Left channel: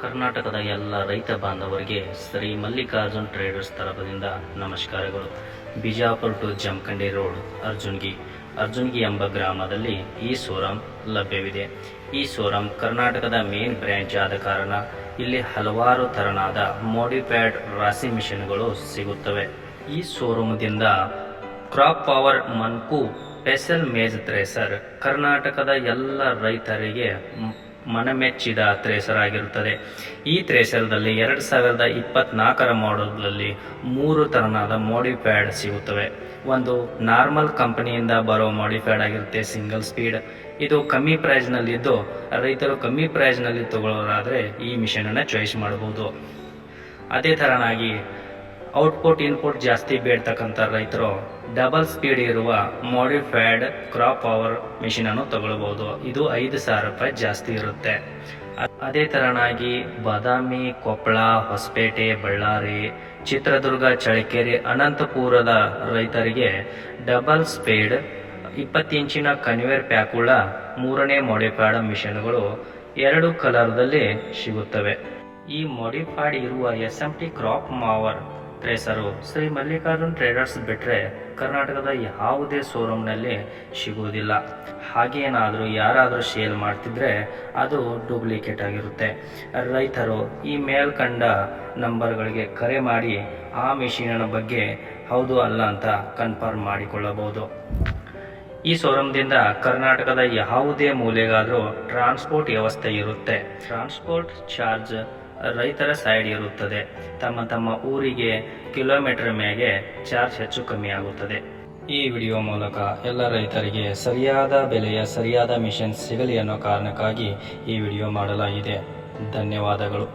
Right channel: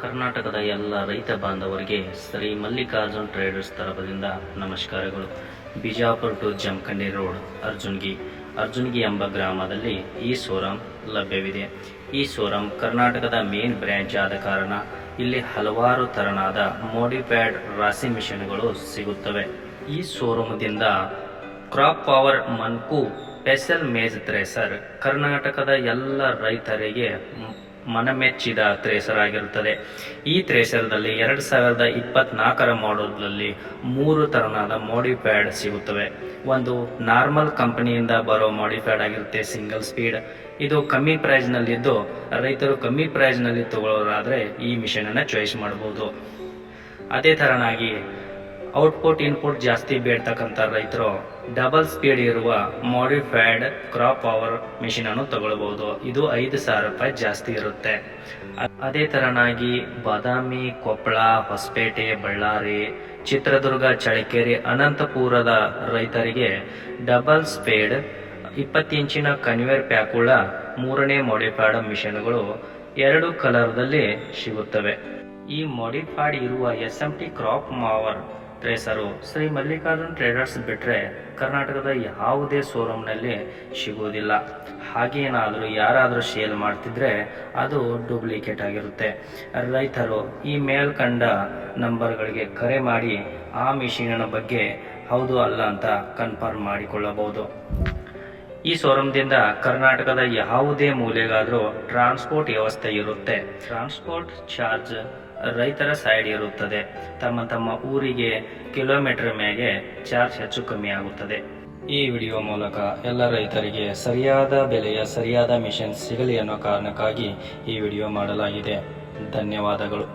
ಕರ್ನಾಟಕದ ಎಲ್ಲ ರೈತ ಬಾಂಧವರಿಗೆ ಶ್ರೀ ಮಲ್ಲಿಕಾರ್ಜುನ್ ಟ್ರೇಡರ್ಸ್ ತರಫದಿಂದ ನಮಸ್ಕಾರಗಳು. ಬಿಜಾಪುರ ಟು ಜಮಖಂಡಿ ರೋಡ್ ಅರ್ಜುನ್ಗಿ ಎಂಬ ಗ್ರಾಮದಲ್ಲಿ ಈ ಶೋರೂಮ್ ಲಭ್ಯವಿದೆ. ಈ ಶೋರೂಮ್ ಕರ್ನಾಟಕದ ಮೇನ್ ಬ್ರ್ಯಾಂಚ್ ಆದ ಕಾರಣ ಇಲ್ಲಿ ಹಲವಾರು ತರನಾದ ಮೋಡಿಫೈಡ್ ರಾಶಿ ಮಿಷನ್ಗಳು ಸಿಗುತ್ತವೆ. ಈ ಶೋರೂಮ್ದಿಂದ ಕ್ರಾಪ್ ಪವರ್ ಮನ್ಕು ಸ್ಪೆಷಲ್ ಮೇಜ್ ಥ್ರೆಸರ್ ಕರ್ನಾಟಕದ ಎಲ್ಲ ರೈತರಿಗೆ ಮನಮೆಚ್ಚಿದ ಥ್ರೆಸರ್ ಆಗಿರುತ್ತದೆ. ಈ ಥ್ರೆಸರ್ದಲ್ಲಿ 2024 ಮಾಡೆಲ್ನಲ್ಲಿ 3 ತರನಾದ ಮೋಡಿಫೈಡ್ ಸಿಗುತ್ತವೆ. ಒಂದು ನಾರ್ಮಲ್ ಕಂಪನಿಯಿಂದ ಬರೋ ಮೋಡಿಫೈಡ್ ಆಗಿರುತ್ತೆ, ಸಿಂಗಲ್ ಸ್ಪೀಡ್. ಇದು ಕಮ್ಮಿ ಪ್ರೈಸ್ನಲ್ಲಿದ್ದು ರೈತರು ಕಮ್ಮಿ ಪ್ರೈಸ್ನಲ್ಲಿ ತಗೊಳ್ಳೋರಾದರೆ ಈ ಮಿಷನನ್ನು ಚಾಯ್ಸ್ ಮಾಡಬಹುದು. ಅದೇ ಥರನಾಗಿ ಔಟ್ಪುಟ್ ಇನ್ಪುಟ್ ಜಾಸ್ತಿ ಬೇಡ್ತಕ್ಕಂಥ ರೈತರು ಡಬಲ್ ಸ್ಪೀಡ್ ಇರುವ ಮೋಡಿಫೈಡ್ ಕ್ರಾಪ್ ಪವರ್ ಮಿಷಿನನ್ನು ತಗೊಳ್ಬಹುದು. ಇದು 5,000 ರೂಪಾಯಿ ಜಾಸ್ತಿ ಇರುತ್ತೆ. ಅದೇ ಥರನಾಗಿ ಬಾದಾಮಿ, ಕೊಪ್ಪಳ, ಹೊಸಪೇಟೆ, ಬಳ್ಳಾರಿ, ಚಿತ್ರದುರ್ಗ, ಚಳ್ಳಕೆರೆ, ಅನಂತಪುರದ ರೈತರಿಗೆ ಡಬಲ್ ಸ್ಪೀಡ್ 20 ಇಂಚಿನ ಕನ್ವೇರ್ ಪ್ಯಾಕುಳ್ಳ 3ನೇ ಮೋಡಿಫೈಡ್ ಮಿಷನ್ಗಳು 2 ಕಲರ್ದಲ್ಲಿ ಸಿಗುತ್ತವೆ. ಈ ಮೋಡಿಫೈಡ್ ಇರುವ SMT crop power thresher Shri Mallikarjun traders ಬಿಟ್ಟರೆ ಕರ್ನಾಟಕದ ಯಾವುದೇ ಶೋರೂಮ್ನಲ್ಲಿ ಸಿಗುವುದಿಲ್ಲ. ಹಾಗೇನಾದರೂ ಯಾರಾದರೂ ಸೇಲ್ ಮಾಡ್ತಿದ್ರೆ ಅದು ಡೂಪ್ಲಿಕೇಟ್ ಆಗಿರುತ್ತೆ. ರೈತರು ಈ ಮೇಲ್ಕಂಡ ನಂಬರ್ಗಳಿಗೆ ಕರೆ ಮಾಡಿ ಆ ಮಿಷಿನಿನ ಬಗ್ಗೆ ಹೌದು ಅಲ್ಲ ಅಂತ ಕನ್ಫರ್ಮ್ ಮಾಡಿಕೊಳ್ಳಬಹುದು. ಈ ಶೋರೂಮ್ದಿಂದ ಕರ್ನಾಟಕದ ಯಾವುದೇ ಮೂಲೆಗಾದರೂ ಟ್ರಾನ್ಸ್ಪೋರ್ಟ್ ವ್ಯವಸ್ಥೆ ಇರುತ್ತೆ. ಟ್ರಾನ್ಸ್ಪೋರ್ಟ್ ಚಾರ್ಜ್ ರೈತರ ಸೈಡ್ ಇರುತ್ತದೆ. ತಮ್ಮ ಊರಿಗೆ ಕಿಲೋಮೀಟರ್ ಮೇಲೆ ಚಾರ್ಜ್ ಹೆಚ್ಚು ಕಮ್ಮಿ ಆಗುತ್ತದೆ. ಈ ವಿಡಿಯೋ ಮೂಲಕ ಎಲ್ಲ ರೈತರಿಗೆ ಸರಿಯಾದ ಬೆಲೆಯ ಸರಿಯಾದ ಮಿಷನ್ ಸಿಗಲಿ ಅನ್ನೋ ಕಾರಣಕ್ಕಾಗಿ ಈ ವಿಡಿಯೋ ಮಾಡಲಾಗಿದೆ. ಧನ್ಯವಾದಗಳು.